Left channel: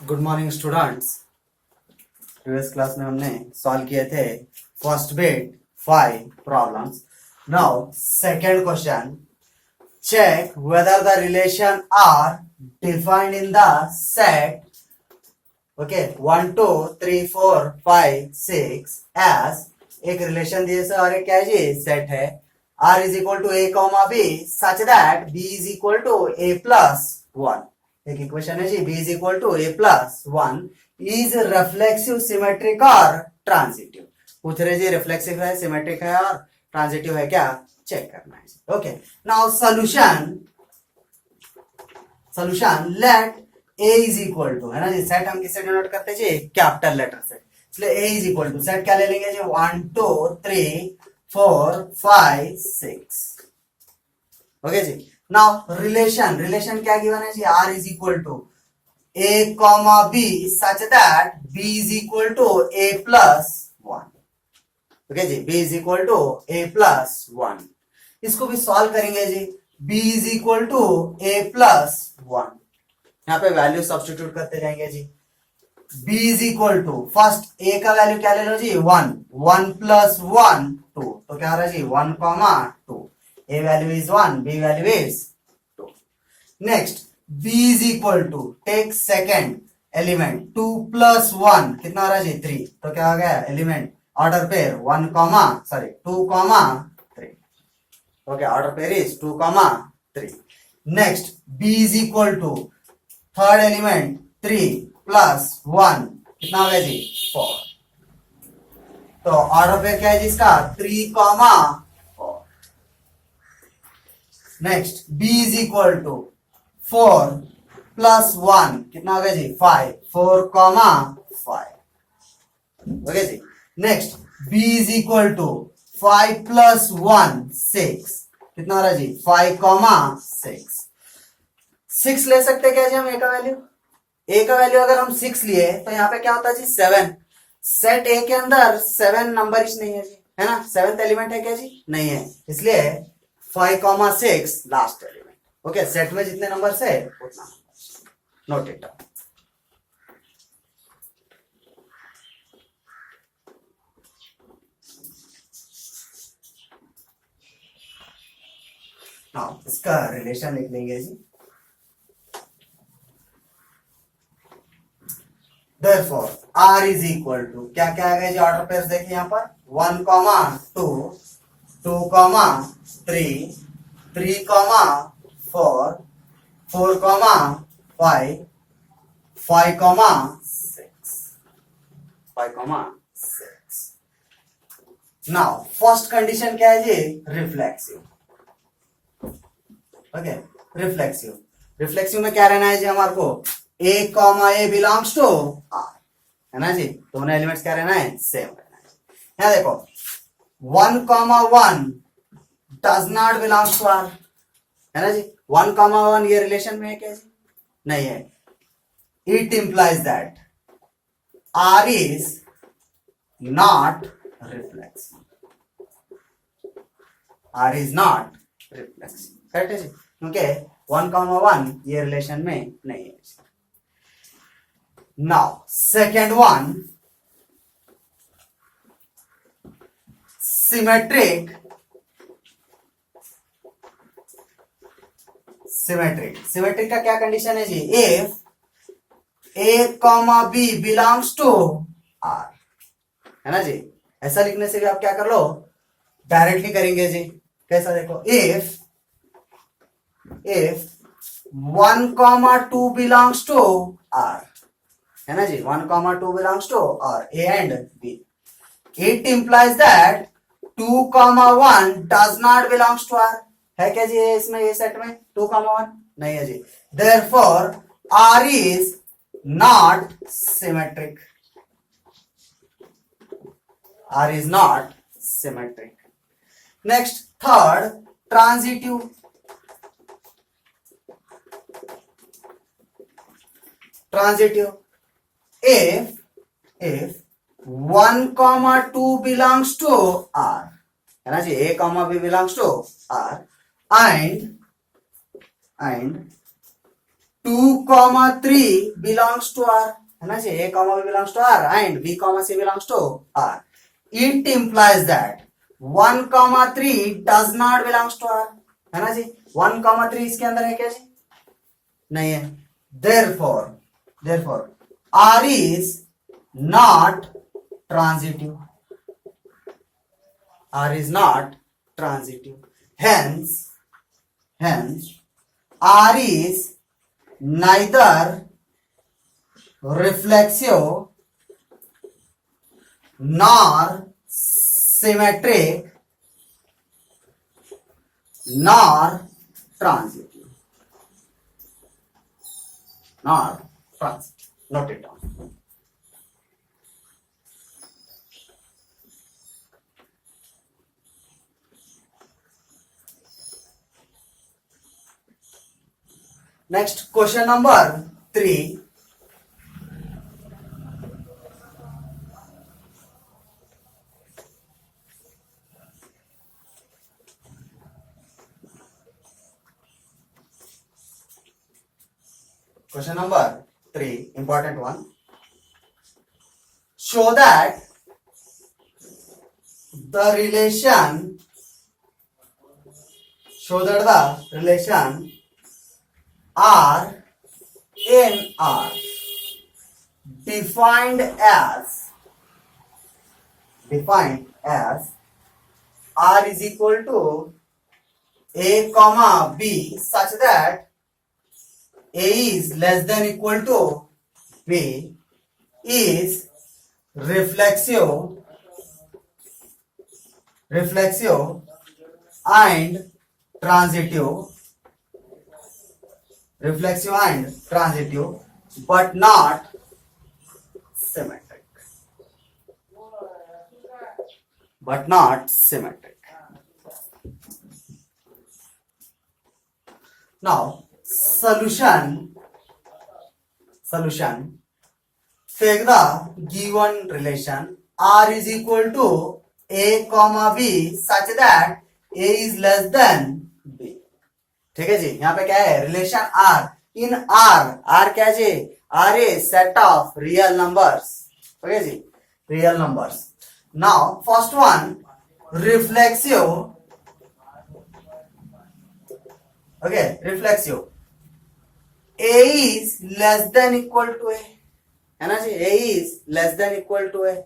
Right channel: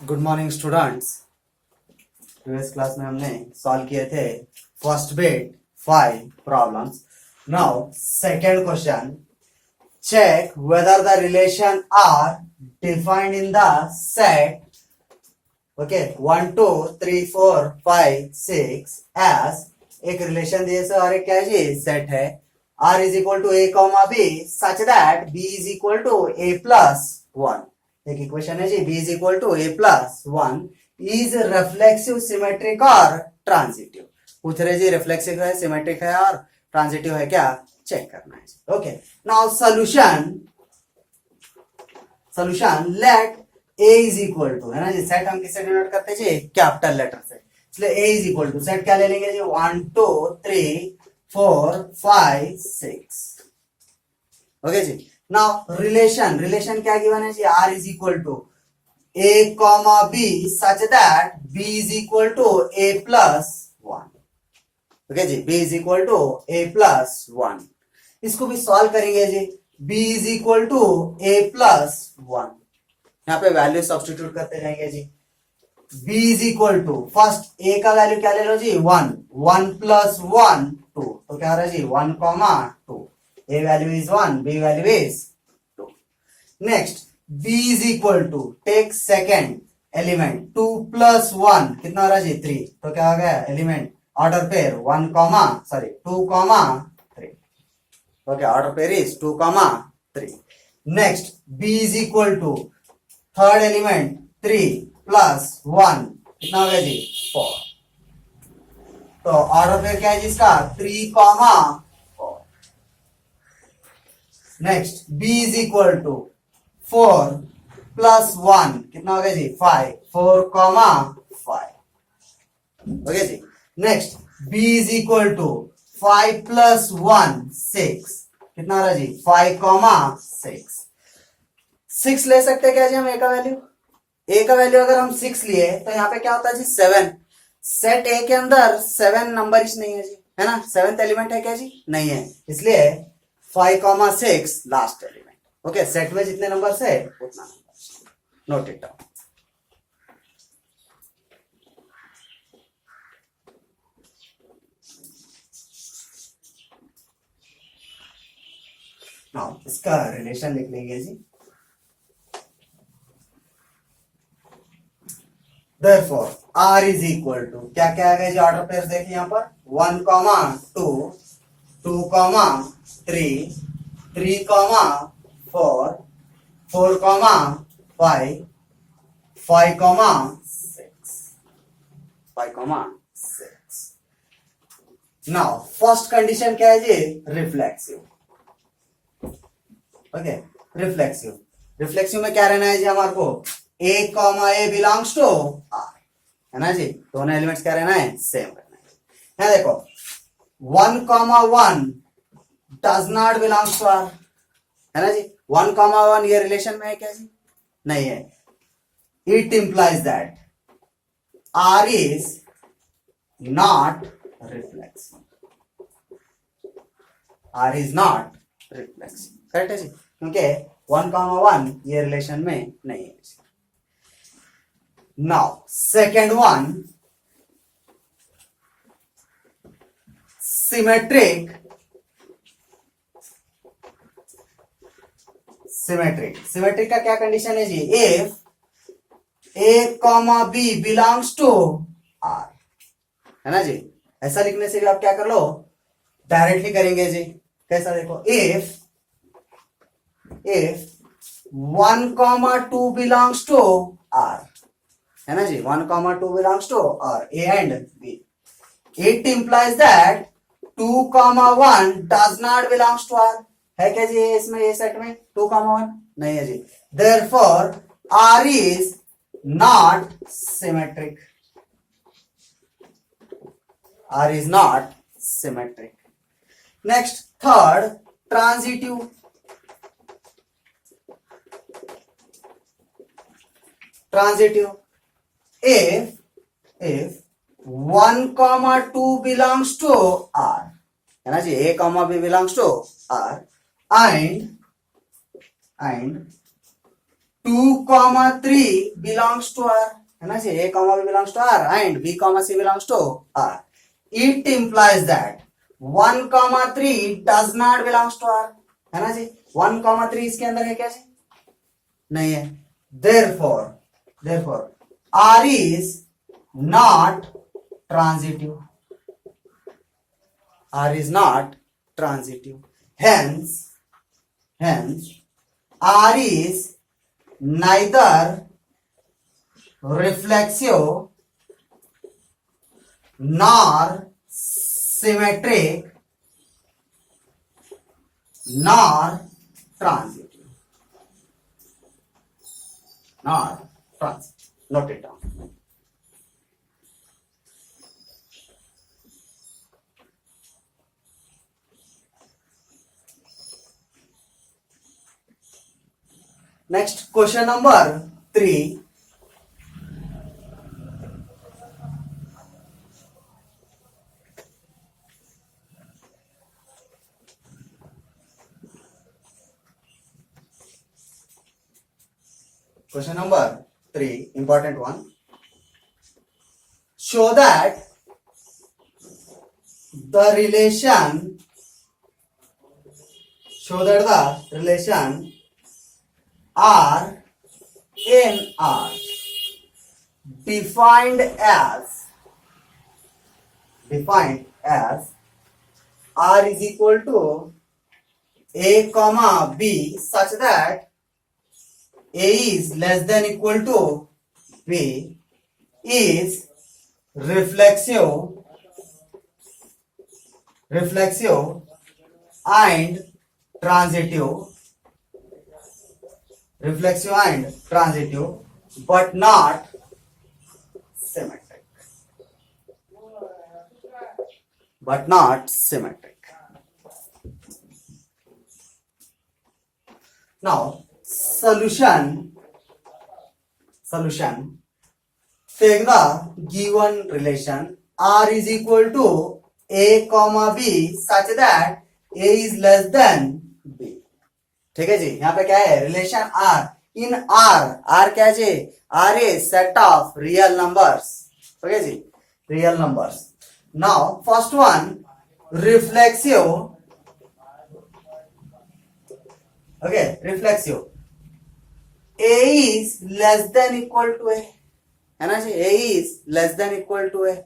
Good morning students. Previous class में हमने solve किए थे first bit 5 problems. Now second question, check whether the relation are defined in the set okay 1 2 3 4 5 6 as एक relation दिए से और एक क्या है जी सेट है r is equal to a comma b such that b is equal to a plus 1। एक इक्वेशन है जी b is equal to a plus 1 is reflexive symmetric और ट्रांजिटिव। पूछ रहे जी रिफ्लेक्सिव है सिमेट्रिक है और ट्रांजिटिव है क्या चेक करना है। Okay now solution let a is equal to है ना जी सेट हम किससे डिनोट करते हैं जी कैपिटल लेटर से, इसलिए a is equal to set क्या ले लेंगे जी 1 2 3 4 5 6। ओके जी नाउ रिलेशन क्या गिवन है जी r is equal to a comma b such that b is equal to a plus 1। Okay जी b is equal to a plus 1। इसको भी सॉल्व करेंगे जी b is equal to a plus 1। यहाँ पे वैल्यू सब्स्टिट्यूट करते रहेंगे जी b is equal to first a का वैल्यू क्या ले लो जी 1 1 प्लस 1 2 तो क्या हो रहा है जी 1 comma 2 a value is 1 b value is 2। Next b is equal to take second element 2 plus 1 कितना हो रहा है जी 3 तो क्या हो गया element order pair 1 comma 2 comma 3। Okay order pair is 2 comma 3। Next b is equal to third element 3 plus 1 कितना हो गया जी 4। तो ऑर्डर पेयर क्या है जिसका 3 comma 4। Next b is equal to 4 plus 1 कितना हो गया जी 5 4 कॉमा 5। ओके जी next b is equal to 5 plus 1 6 कितना हो रहा है जी 5 कॉमा 6 ले सकते क्या जी हम a का वैल्यू अगर हम 6 लिए तो यहाँ पे क्या होता है जी 7। सेट a के अंदर 7 नंबर नहीं है जी है ना 7th एलिमेंट है क्या जी नहीं है, इसलिए 5 कॉमा 6 लास्ट एलिमेंट। ओके सेट में जितने नंबर है उतना number note it down. Now इसका रिलेशन लिख लेंगे जी Therefore, R is equal to क्या क्या आ गया जी ऑर्डर पेयर देखिए यहाँ पर 1 कॉमा 2 2 कॉमा 3 3 कॉमा 4 4 कॉमा 5 5 कॉमा 6 5 कॉमा 6। नाउ फर्स्ट कंडीशन क्या है जी रिफ्लेक्सिव। ओके रिफ्लेक्सिव में क्या रहना है जी हमारे को a comma a belongs to r है ना जी दोनों एलिमेंट्स क्या रहना है सेम रहना है। यहाँ देखो 1 comma 1 does not belongs to r है ना जी 1 कॉमा 1 ये रिलेशन में है क्या जी नहीं है। It implies that r is not reflexive r is not reflexive correct है जी क्योंकि 1 कॉमा 1 ये रिलेशन में नहीं है। Now, second one, symmetric का क्या कंडीशन है जी if a comma b belongs to r है ना जी ऐसा लिखने से भी आप क्या कर लो डायरेक्टली करेंगे जी कैसा देखो if 1 comma 2 belongs to r है ना जी 1 कॉमा 2 बिलोंग्स टू और a and b। It implies that 2 comma 1 does not belongs to r है क्या जी इसमें ये सेट में 2 कॉमा 1 नहीं है जी therefore r is not symmetric r is not symmetric. Next third transitive if 1 comma 2 belongs to r है ना जी a comma b belongs to r and 2,3 belongs to R, है ना जी, A, B belongs to R and B, C belongs to R. It implies that 1,3 does not belongs to R, है ना जी, 1,3 इसके अंदर है क्या जी, नहीं है. Therefore R is not transitive. R is not transitive. Hence R is neither reflexive nor symmetric nor transitive. Note it down. Next, question number 3. Question number 3, important one. Show that the relation R in R defined as R is equal to A, B such that A is less than equal to B is reflexive and transitive, but not symmetric. Now, solution. Take the given relation R is equal to A, B such that A is less than B. ठीक है जी, यहाँ पे क्या है, relation R इन R क्या है जी, R is set of real numbers. Okay जी, real numbers. Now first one, reflexive. Okay, reflexive. A is less than equal to A, है ना जी, A is less than equal to A.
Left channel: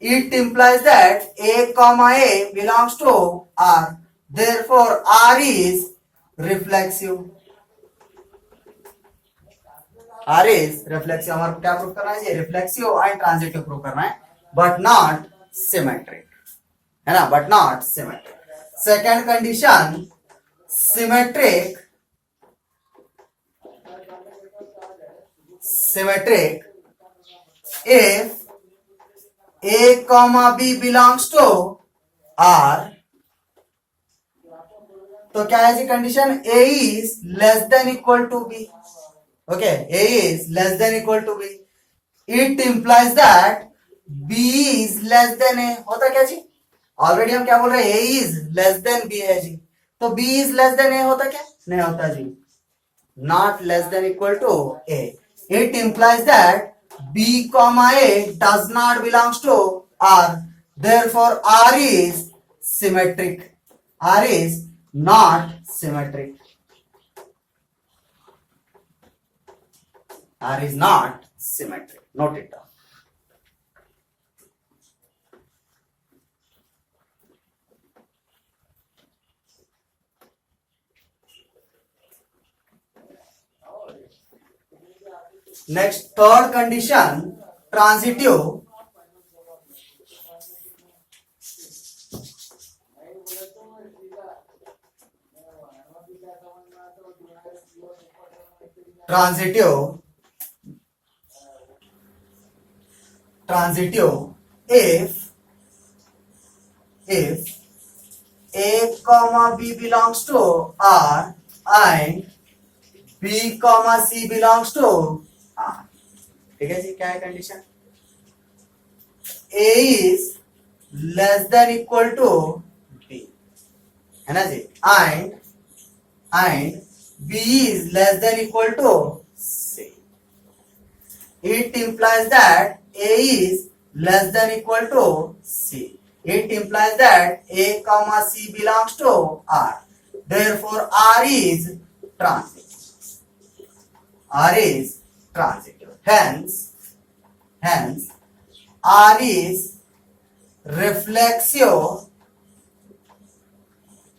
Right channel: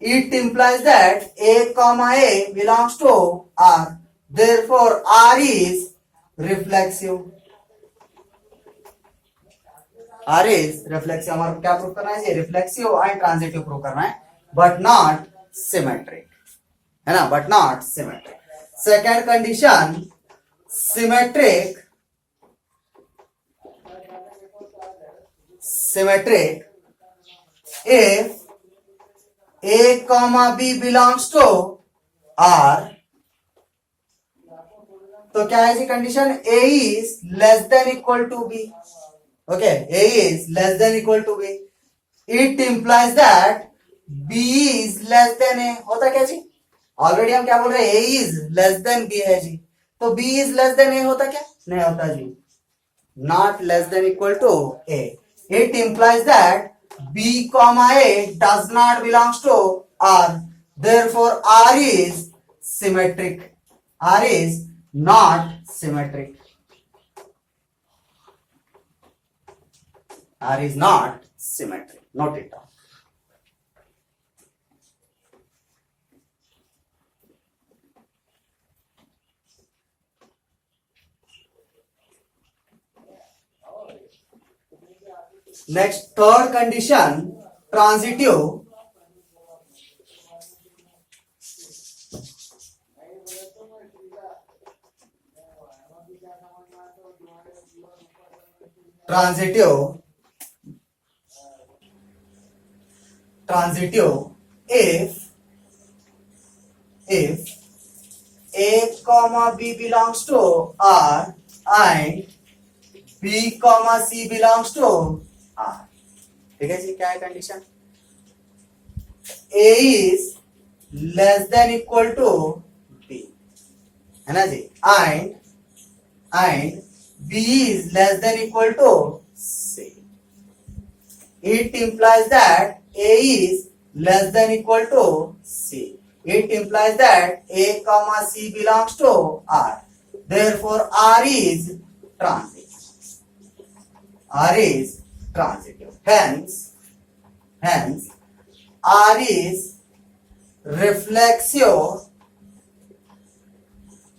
It implies that A, A belongs to R. Therefore, R is reflexive. हमारे क्या prove करना है, reflexive and transitive prove करना है, but not symmetric, है ना, but not symmetric. Second condition, symmetric if A, B belongs to R. तो क्या है जी condition, A is less than equal to B. Okay, A is less than equal to B. It implies that B is less than A. होता क्या जी, ऑलरेडी हम क्या बोल रहे हैं, A is less than B है जी, तो B is less than A होता क्या, नहीं होता जी, not less than equal to A. It implies that B, A does not belongs to R. Therefore, R is symmetric. R is not symmetric. R is not symmetric. Note it down. Next, third condition, transitive. If A, B belongs to R and B, C belongs to R. ठीक है जी, क्या है condition, A is less than equal to B, है ना जी, and B is less than equal to C. It implies that A is less than equal to C. It implies that A comma C belongs to R. Therefore, R is transitive. R is transitive. Hence, R is reflexive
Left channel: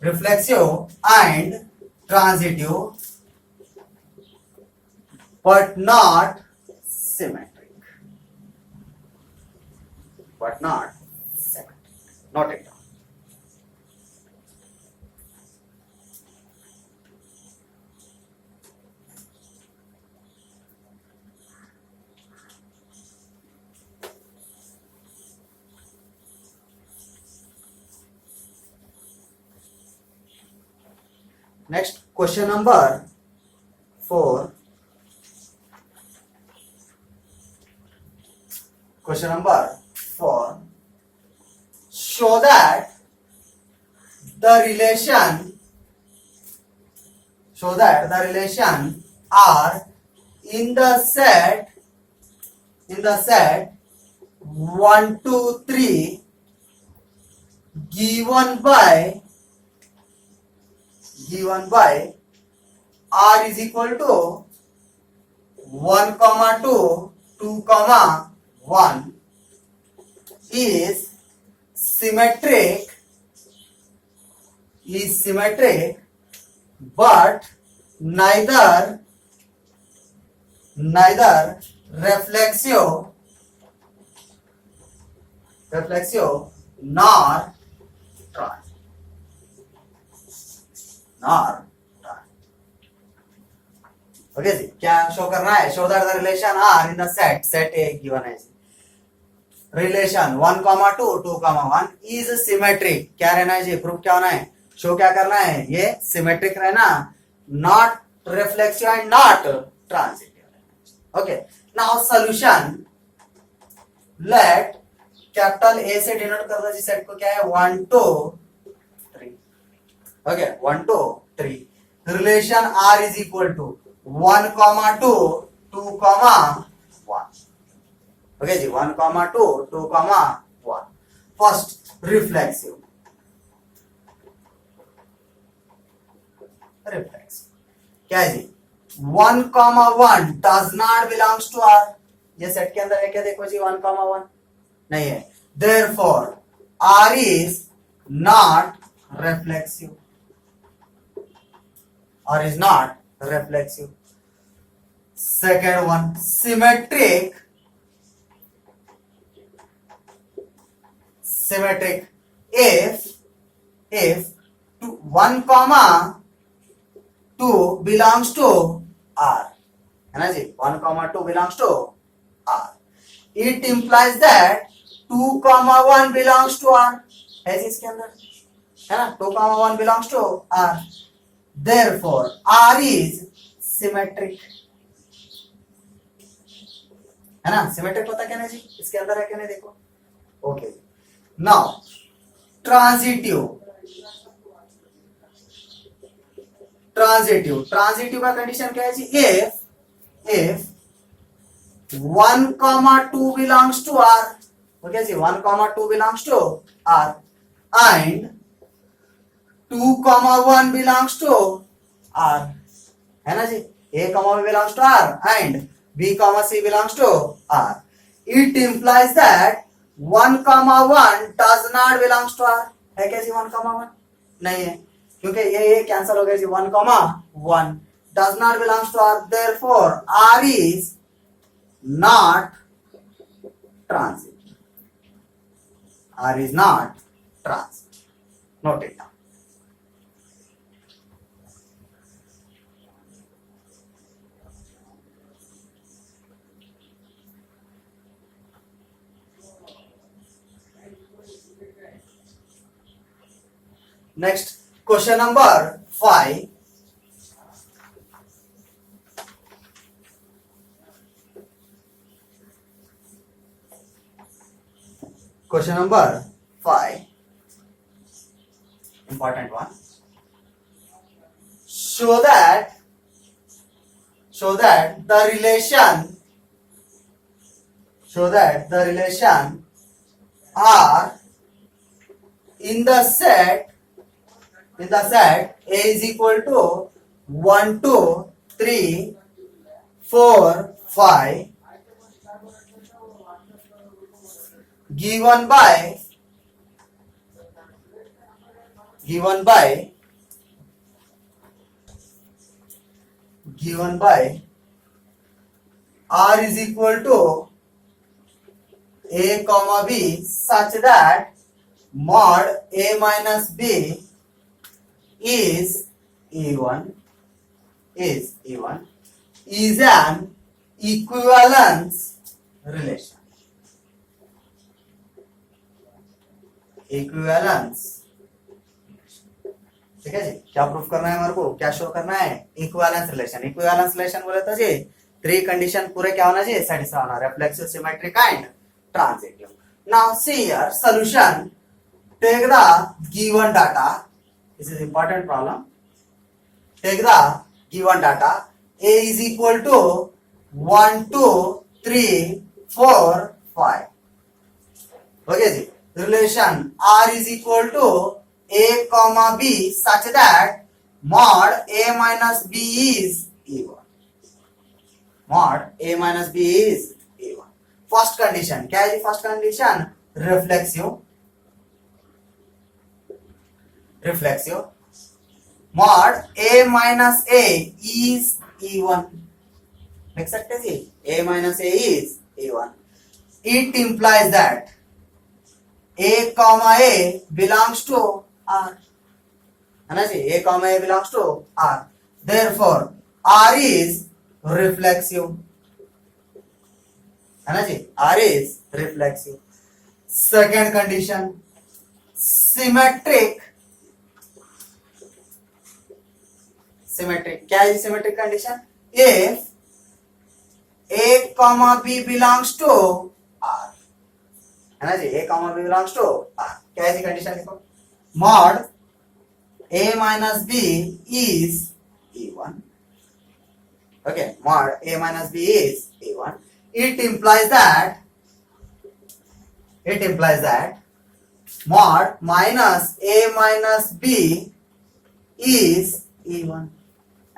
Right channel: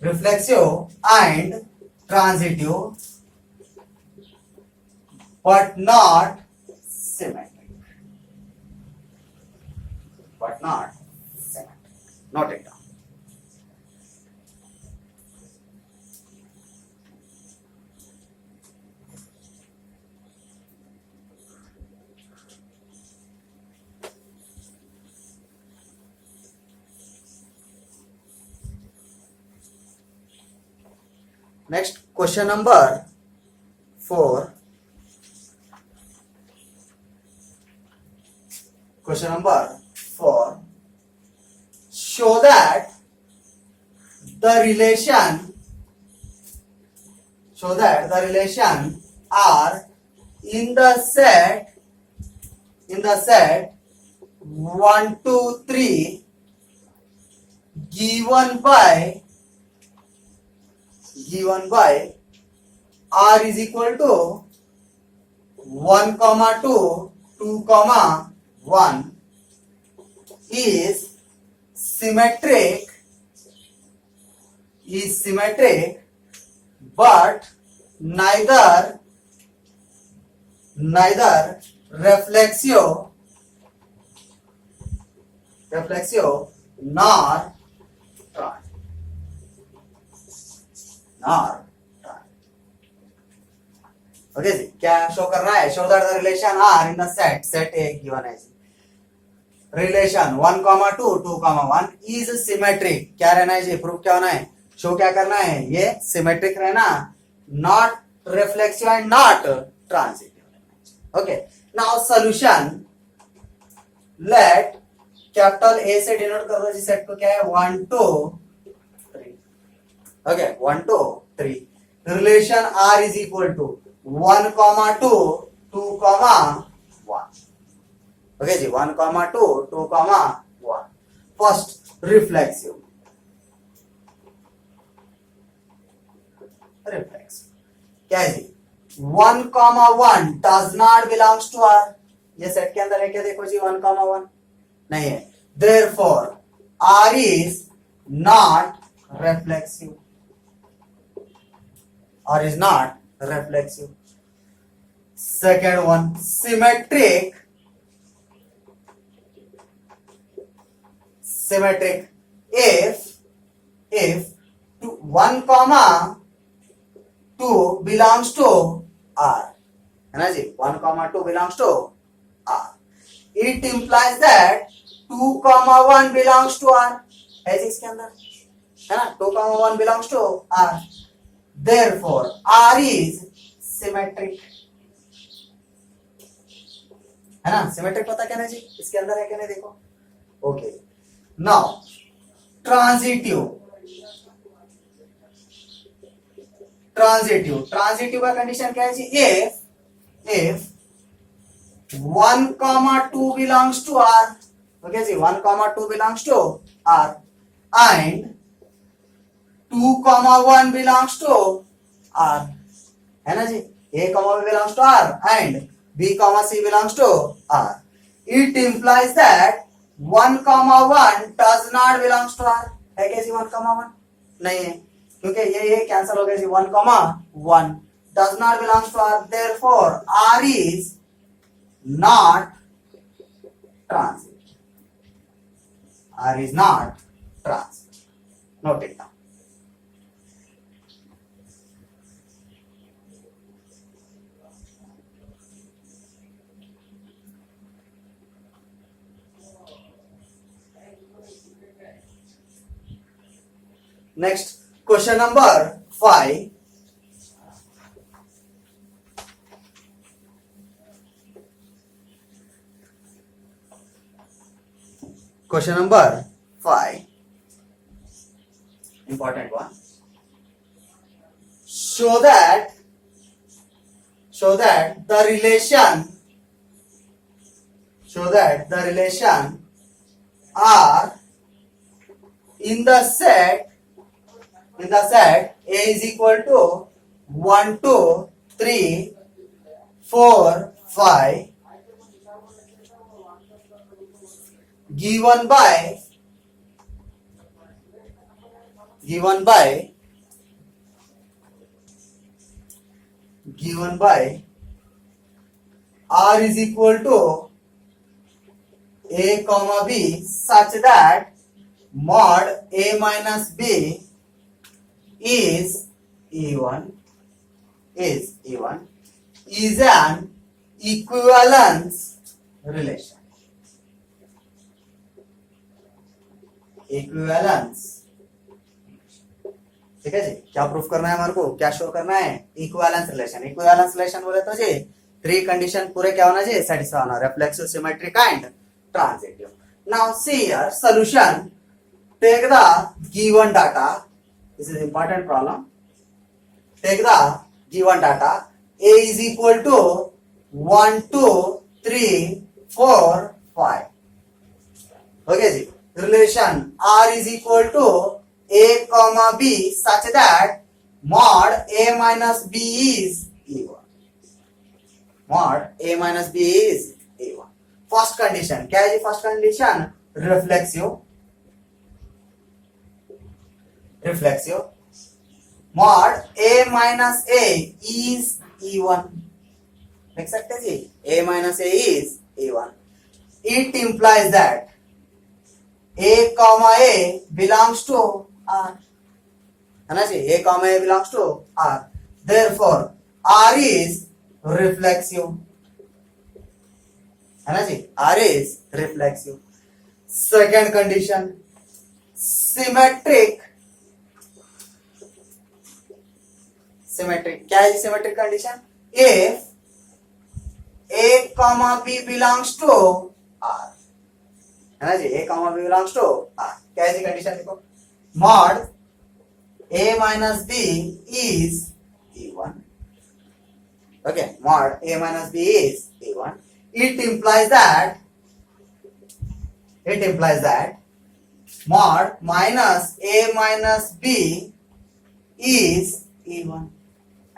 and transitive, but not symmetric. Note it down. Next, question number 4. Question number 4. Show that the relation R in the set 1, 2, 3 given by R is equal to 1, 2, 2, 1 is symmetric, but neither reflexive nor okay जी, क्या show करना है? Show that the relation are in the set A given है जी, रिलेशन 1, 2, 2, 1 is symmetric. क्या रहना है जी? प्रूफ क्या होना है? शो क्या करना है? ये सिमेट्रिक रहना, not reflexive and not transitive. Okay, now solution. Let capital A से डिनोट कर दो जी सेट को. क्या है? 1, 2, 3. Okay, 1, 2, 3. Relation R is equal to 1, 2, 2, 1. Okay जी, 1, 2, 2, 1. First reflexive. क्या है जी? 1, 1 does not belongs to R. ये सेट के अंदर है क्या? देखो जी, 1, 1 नहीं है. Therefore R is not reflexive. R is not reflexive. Second one, symmetric. If 1, 2 belongs to R, है ना जी? 1, 2 belongs to R. It implies that 2, 1 belongs to R. है जी इसके अंदर, है ना? 2, 1 belongs to R. Therefore, R is symmetric. है ना? सिमेट्रिक होता क्या ना जी? इसके अंदर है क्या नहीं? देखो. ओके, नाउ ट्रांजिटिव का कंडीशन क्या है जी? If 1, 2 belongs to R. Okay जी, 1, 2 belongs to R and 2, 1 belongs to R. है ना जी? A, B belongs to R and B, C belongs to R. It implies that 1, 1 does not belongs to R. है क्या जी? 1, 1 नहीं है, क्योंकि ये कैंसिल हो गया जी. 1, 1 does not belongs to R. Therefore, R is not transitive. R is not transitive. Note it down. Next, question number 5. Question number 5. Important one. Show that show that the relation are in the set A is equal to 1 2 3 4 5 given by R is equal to A comma B such that mod A minus B is E1 is an equivalence relation. ठीक है जी, क्या प्रूफ करना है हमारे को, क्या show करना है, इक्विवेलेंस रिलेशन बोले तो जी 3 कंडीशन पूरे क्या होना चाहिए, सेटिस्फाई होना, reflexive, symmetric and transitive. Now see here solution. Take the given data, this is important problem. Take the given data A is equal to 1 2 3 4 5. Okay जी. Relation R is equal to A comma B such that mod A minus B is E1. First condition क्या है जी? First condition reflexive. mod A minus A is E1. लिख सकते हैं जी, A minus A is E1. It implies that A comma A belongs to R. है ना जी, A comma A belongs to R. Therefore, R is reflexive. है ना जी, R is reflexive. Second condition, symmetric. क्या है जी symmetric condition? If A comma B belongs to R. है ना जी, A comma B belongs to R. क्या है जी कंडीशन? देखो, mod A minus B is E1. Okay, mod A minus B is E1. It implies that mod minus A minus B is E1.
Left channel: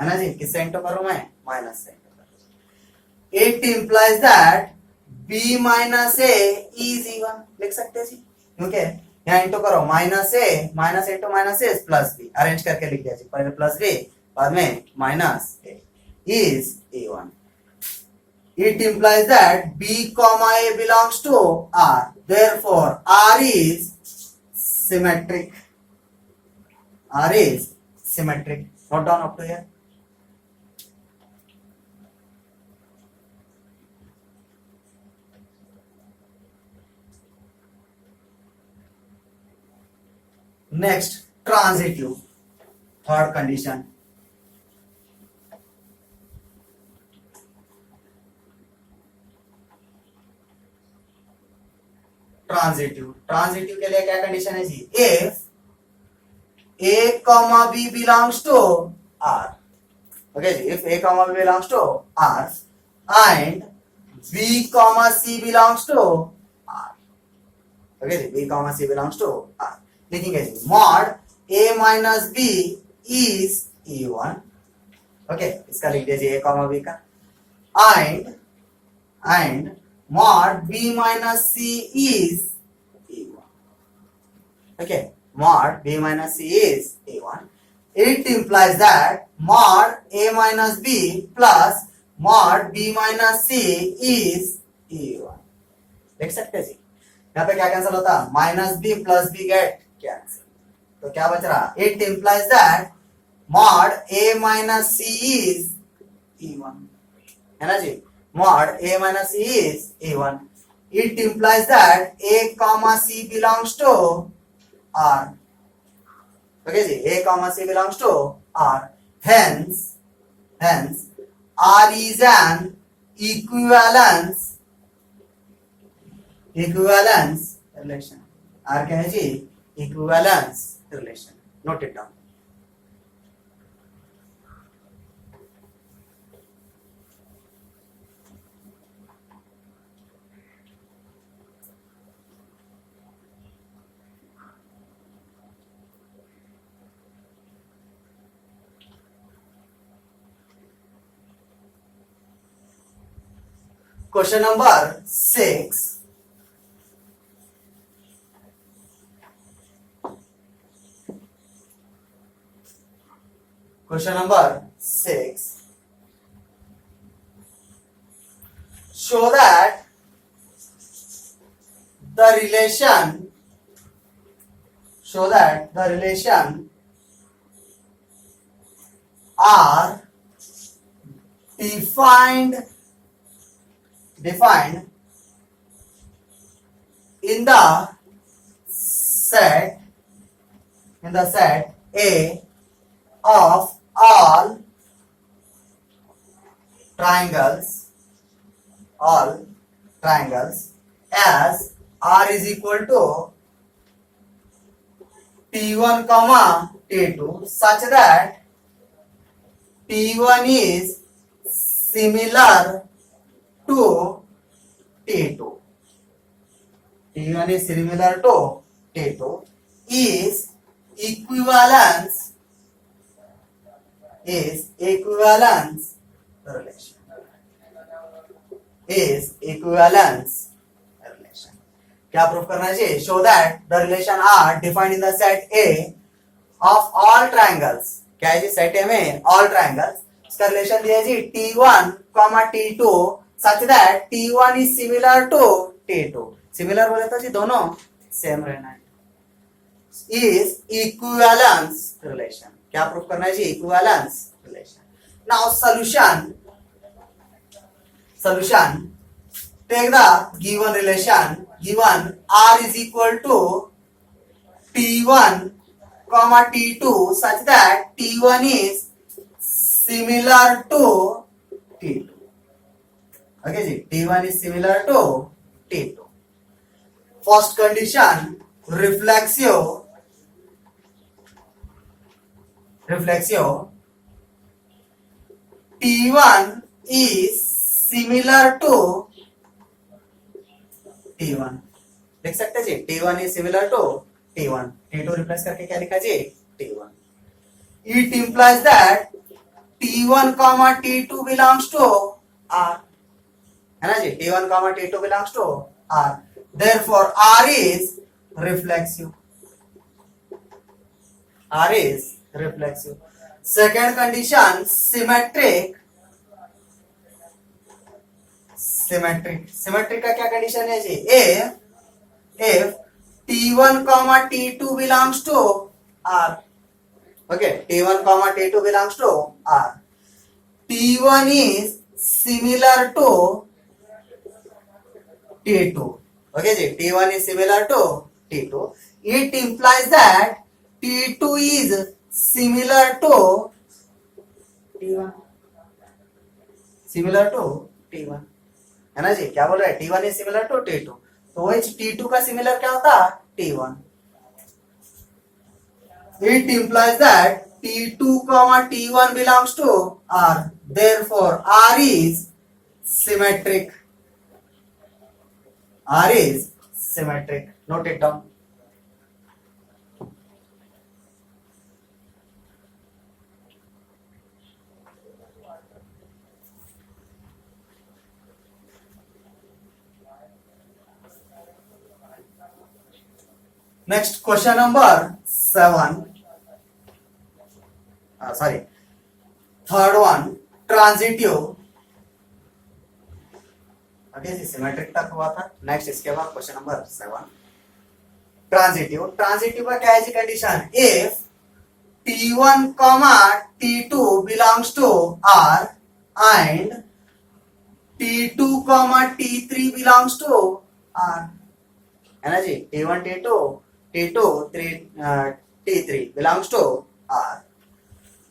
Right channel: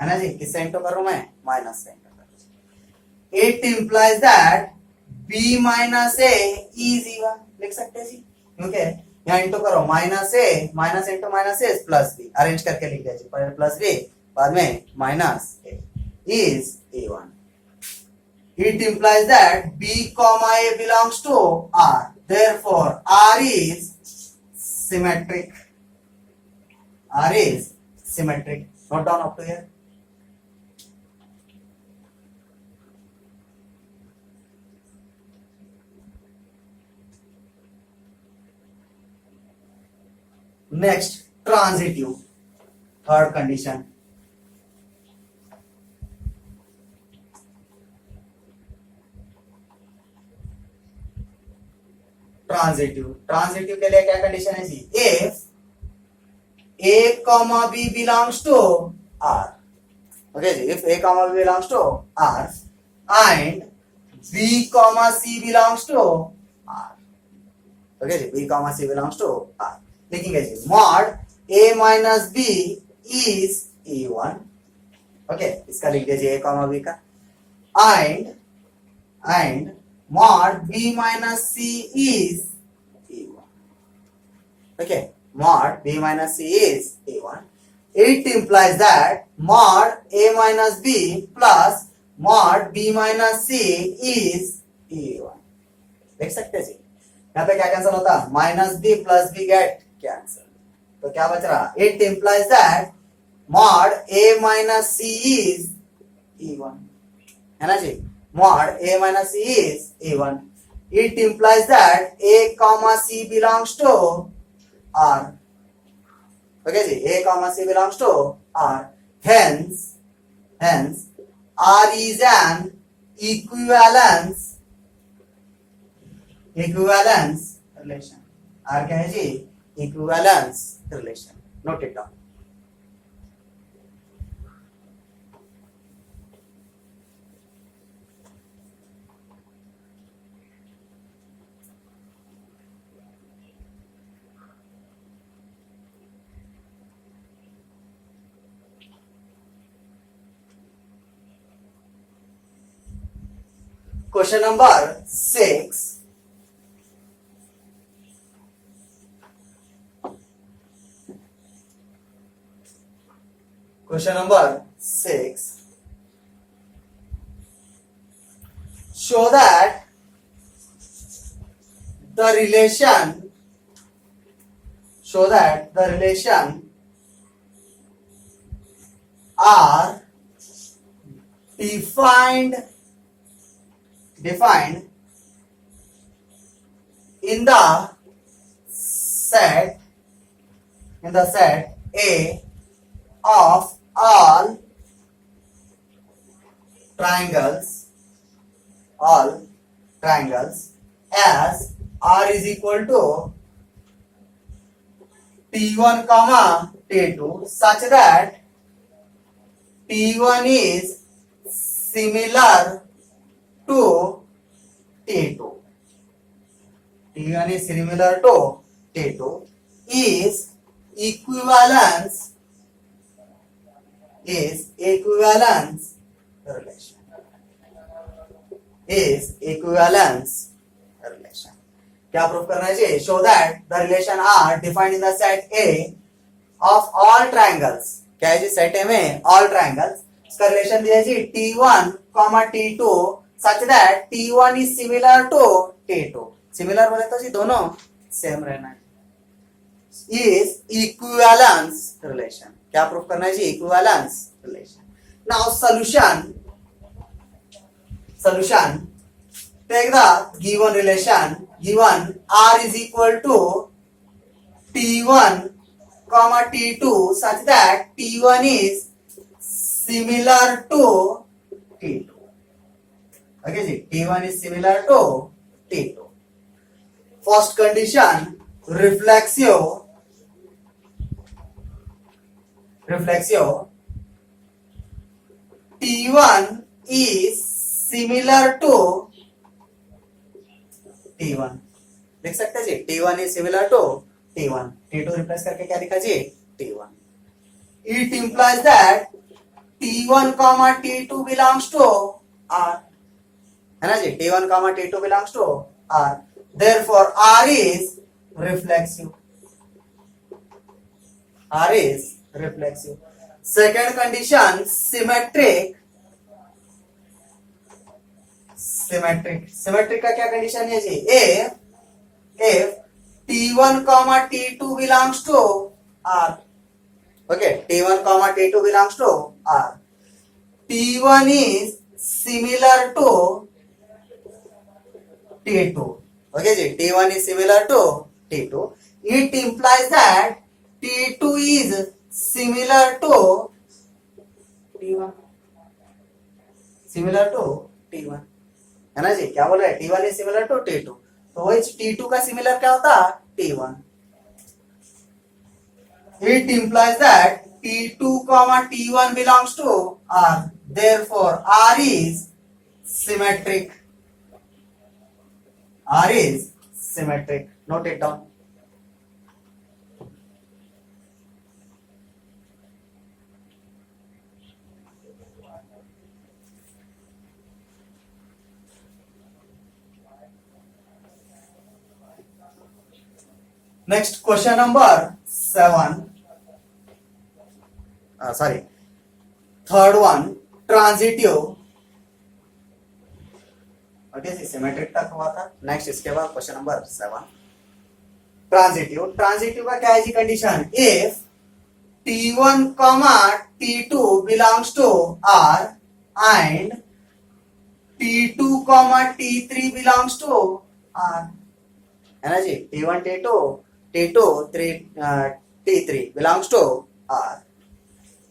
है ना जी, किससे इंटू करूं मैं? माइनस से इंटू करूं. It implies that B minus A is E1. लिख सकते हैं जी, क्योंकि यहाँ इंटू करो, minus into minus A plus B, arrange करके लिख दिया जी, पहले प्लस बी बाद में minus A is E1. It implies that B comma A belongs to R. Therefore, R is symmetric. Note down up to here. Next, transitive. Third condition. Transitive के लिए क्या condition है जी? If A comma B belongs to R. Okay ji, if A comma B belongs to R and B comma C belongs to R. Okay ji, B comma C belongs to R. लिखेंगे जी, mod A minus B is E1. Okay, इसका लिख दीजिए A comma B का, and mod B minus C is E1. Okay, mod B minus C is E1. It implies that mod A minus B plus mod B minus C is E1. देख सकते हैं जी, यहाँ पे क्या cancel होता? Minus B plus B get cancel, तो क्या बच रहा? It implies that mod A minus C is E1. है ना जी, mod A minus C is A1. It implies that A comma C belongs to R. Okay ji, A comma C belongs to R. Hence R is an equivalence relation. R क्या है जी? Equivalence relation. Note it down. Question number 6. Question number 6. Show that the relation are defined in the set A of all triangles as R is equal to T1 comma T2 such that T1 is similar to T2. T1 is similar to T2 is equivalence relation. क्या prove करना चाहिए? Show that the relation are defined in the set A of all triangles. क्या है जी? सेट ए में all triangles. इसका relation दिया जी T1 comma T2 such that T1 is similar to T2. Similar बोले तो जी दोनों सेम रहना है. Is equivalence relation. क्या प्रूव करना है जी? Equivalence relation. Now solution. Take the given relation. Given R is equal to T1 comma T2 such that T1 is similar to T2. Okay ji, T1 is similar to T2. First condition, reflexive. T1 is similar to T1. लिख सकते जी T1 is similar to T1. T2 replace करके क्या लिखा जी? T1. It implies that T1 comma T2 belongs to R. है ना जी? T1 comma T2 belongs to R. Therefore R is reflexive. Second condition, symmetric. Symmetric का क्या condition है जी? if T1 comma T2 belongs to R. Okay, T1 comma T2 belongs to R. T1 is similar to T2. Okay ji, T1 is similar to T2. It implies that T2 is similar to T1. है ना जी? क्या बोल रहा है? T1 is similar to T2. तो वही T2 का सिमिलर क्या होता? T1. It implies that T2 comma T1 belongs to R. Therefore R is symmetric. Note it down. Next, question number 7. Third one, transitive. Okay, symmetric तक हुआ था. नेक्स्ट इसके बाद क्वेश्चन नंबर 7, ट्रांजिटिव का क्या है जी condition? If T1 comma T2 belongs to R and T2 comma T3 belongs to R. है ना जी? T1 T2 T3 belongs to R.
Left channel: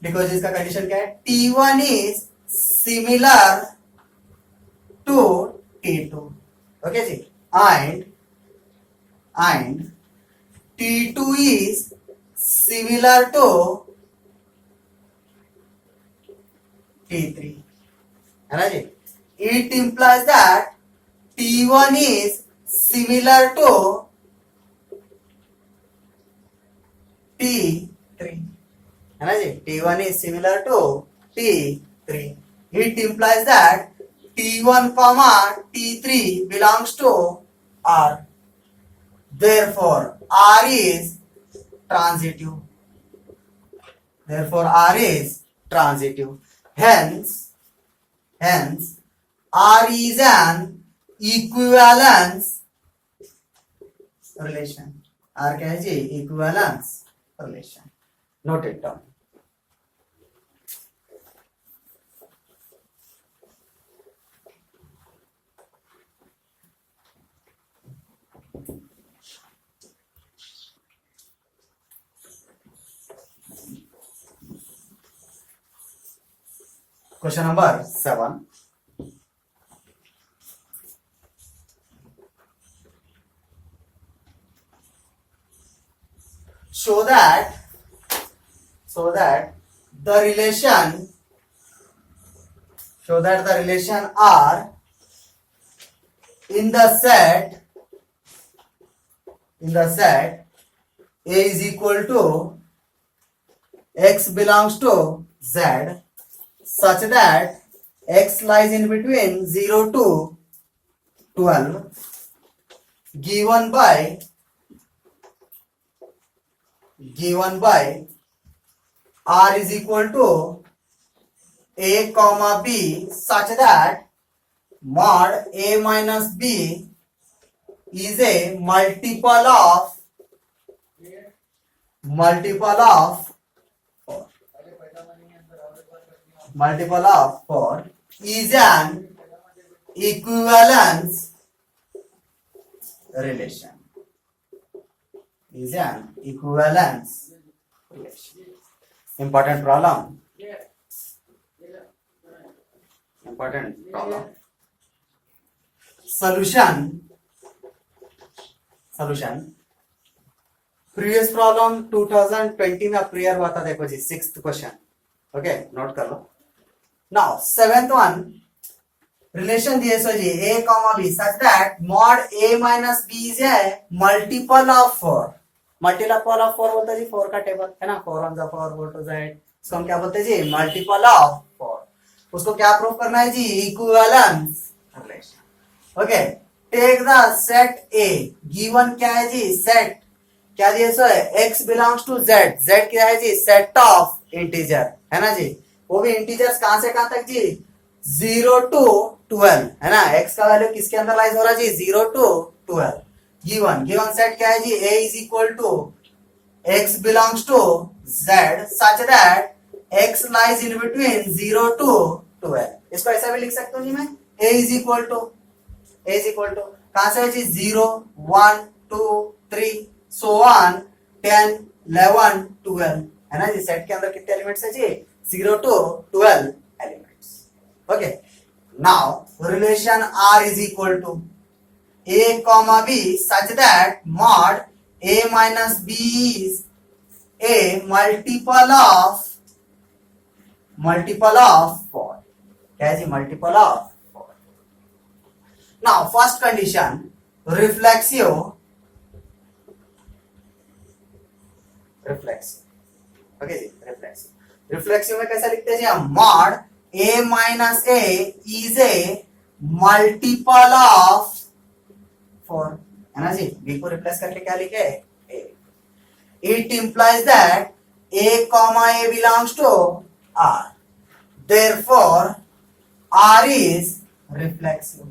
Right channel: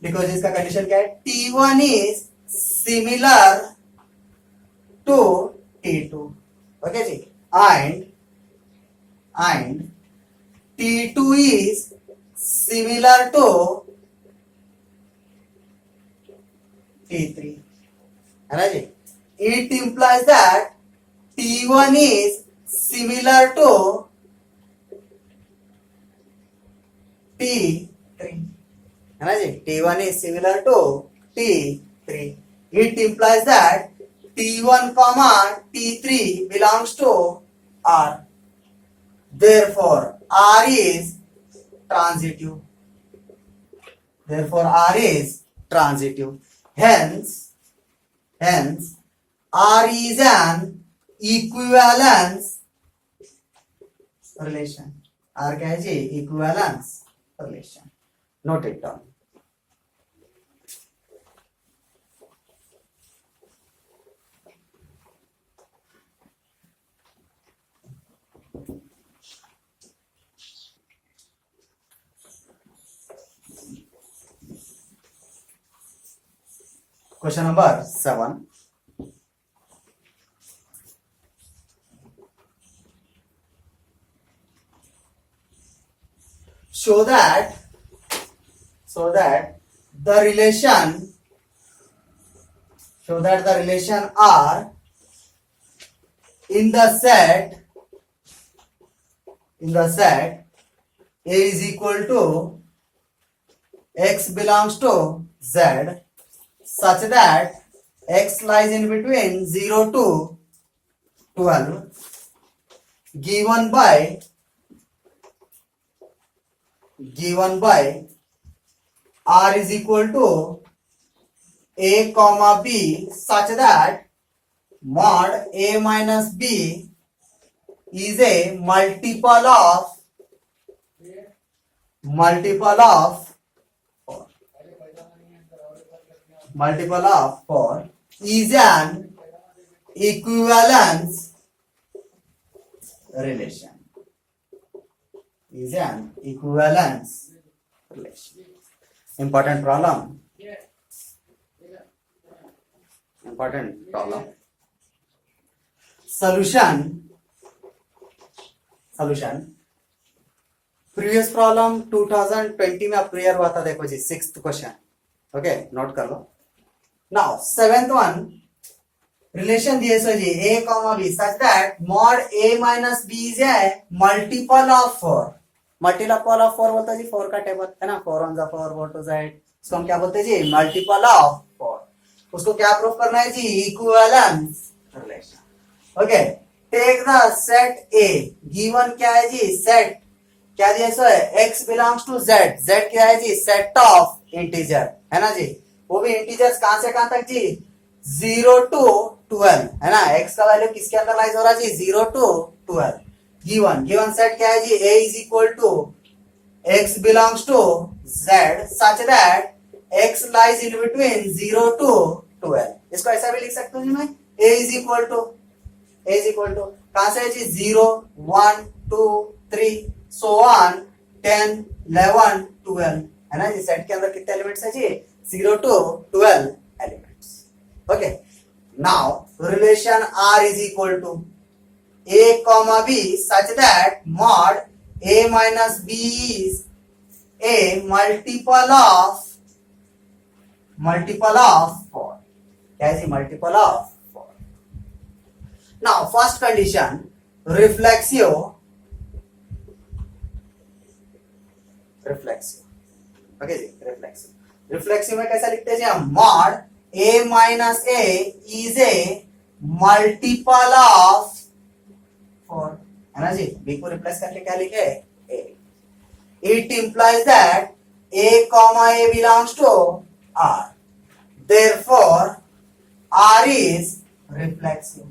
Because इसका कंडीशन क्या है? T1 is similar to T2. Okay जी? and T2 is similar to T3. है ना जी? It implies that T1 is similar to T3. है ना जी? T1 is similar to T3. It implies that T1 comma T3 belongs to R. Therefore, R is transitive. Therefore, R is transitive. Hence, R is an equivalence relation. R क्या है जी? Equivalence relation. Note it down. Question number 7. Show that the relation R in the set A is equal to X belongs to Z, such that X lies in between 0 to 12, given by R is equal to A comma B, such that mod A minus B is a multiple of four is an equivalence relation. Important problem. Solution. Previous problem 2020 में अप्रियर हुआ था. देखो जी, 6th question. Okay, note कर लो. Now 7th one, relation दिए सो जी A comma B such that mod A minus B is a multiple of 4. Multiple of 4 बोलते जी 4 का टेबल है ना, 4 ऑन द 4 4 टू Z. इसको हम क्या बोलते हैं जी? Multiple of 4. उसको क्या प्रूव करना है जी? Equivalence relation. Okay, take the set A. Given क्या है जी? सेट क्या दिया सो है? X belongs to Z. Z क्या है जी? सेट ऑफ इंटीजर है ना जी. वो भी इंटीजर्स कहां से कहां तक जी? 0 टू 12 है ना. X का वैल्यू किसके अंदर लाइज हो रहा है जी? 0 टू 12. गिवन सेट क्या है जी? A is equal to X belongs to Z such that X lies in between 0 to 12. इसको ऐसा भी लिख सकता हूं जी मैं. A इज इक्वल टू कहां से है जी? 0 1 2 3 so on 10 11 12 है ना जी. सेट के अंदर कितने एलिमेंट्स है जी? 0 to 12 elements. Okay, now relation R is equal to A comma B such that mod A minus B is a multiple of 4. क्या है जी? Multiple of 4. Now first condition, reflexive. Okay जी, रिफ्लेक्सिव में कैसा लिखते हैं जी हम? Mod A minus A is a multiple of 4 है ना जी. B को रिप्लेस करके क्या लिखे? A. It implies that A comma A belongs to R. Therefore, R is reflexive.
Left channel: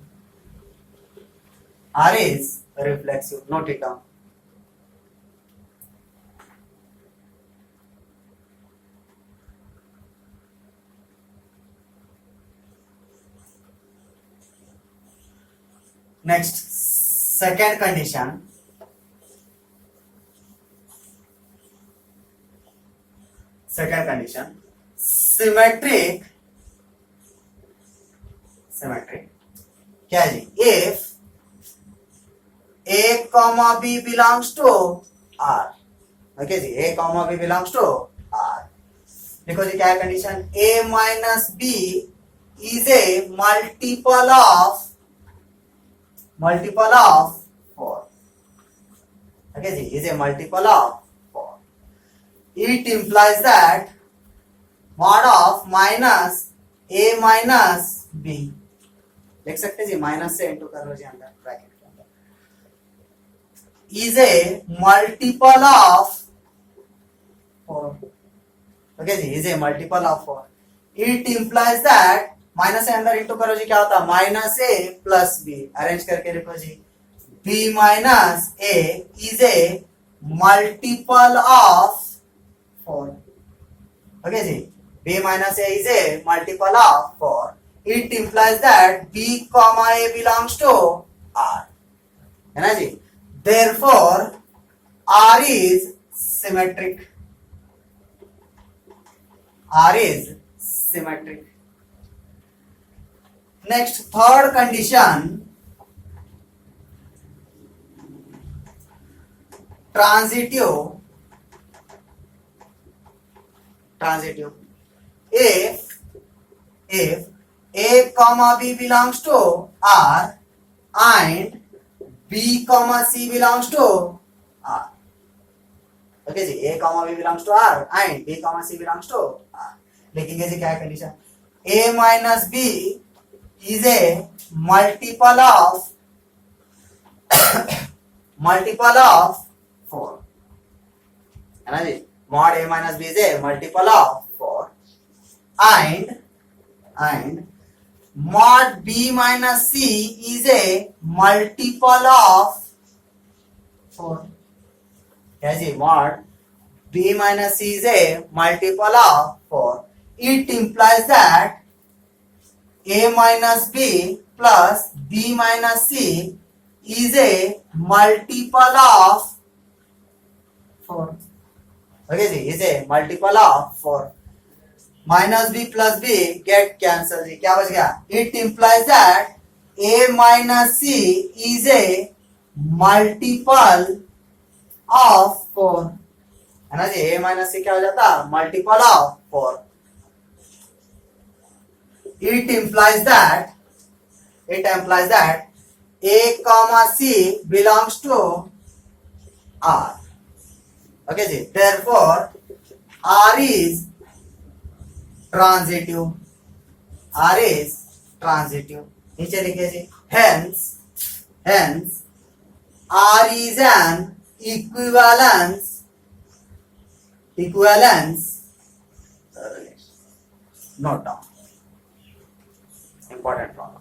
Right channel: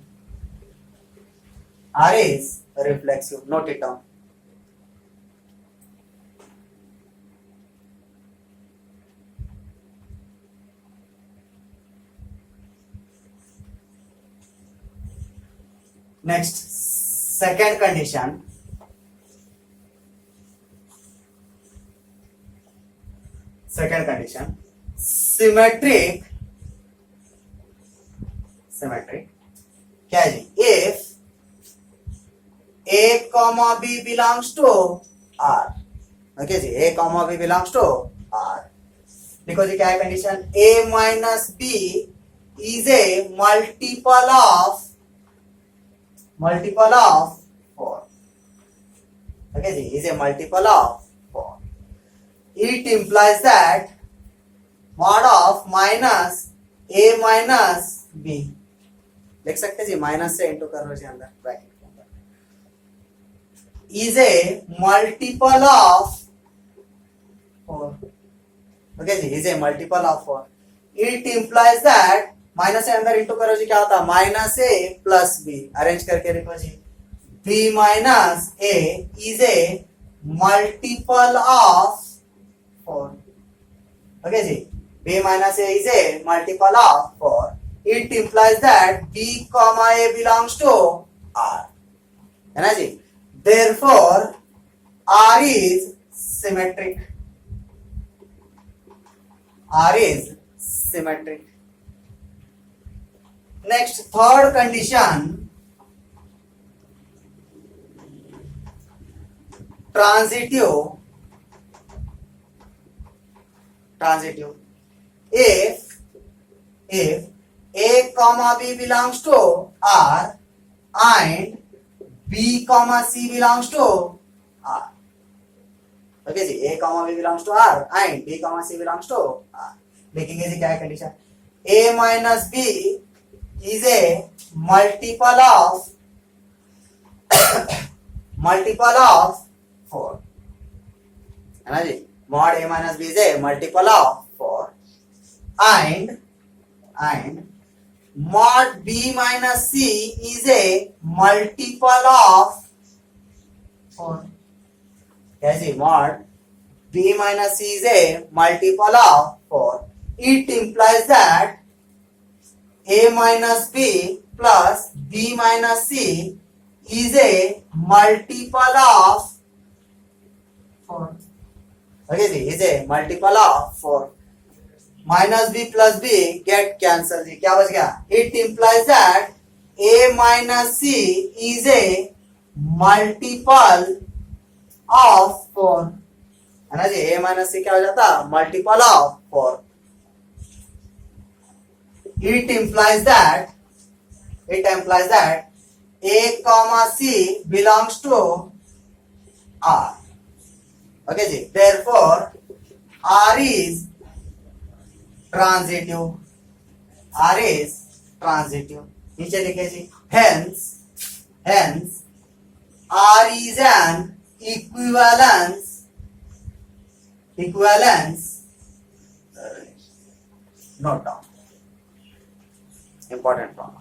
Note it down. Next, second condition. Symmetric. क्या है जी? If A comma B belongs to R. Okay जी, A comma B belongs to R. देखो जी क्या है condition? A minus B is a multiple of 4. Okay ji, is a multiple of 4. It implies that mod of minus A minus B लिख सकते हैं जी, माइनस से इंटू कर लो जी अंदर ब्रैकेट के अंदर, is a multiple of 4. Okay जी, is a multiple of 4. It implies that, minus से अंदर इंटू करो जी, क्या होता है, minus A plus B, arrange करके लिखो जी, B minus A is a multiple of 4. Okay जी, b minus a is a multiple of 4. It implies that b comma a belongs to R. है ना जी, therefore R is symmetric. R is symmetric. Next, third condition, transitive. If a comma b belongs to R and b comma c belongs to R. Okay ji, a comma b belongs to R and b comma c belongs to R. लिखेंगे जी क्या है condition, a minus b is a multiple of 4. है ना जी, mod a minus b is a multiple of 4 and mod b minus c is a multiple of 4. कैसे, mod b minus c is a multiple of 4. It implies that a minus b plus b minus c is a multiple of 4. Okay जी, is a multiple of 4. Minus B plus B get cancel जी, क्या बच गया, it implies that A minus C is a multiple of 4. है ना जी, ए minus सी क्या हो जाता, multiple of 4. It implies that A comma C belongs to R. Okay जी, therefore R is transitive. R is transitive. नीचे लिखे जी, hence R is an equivalence note down, important one.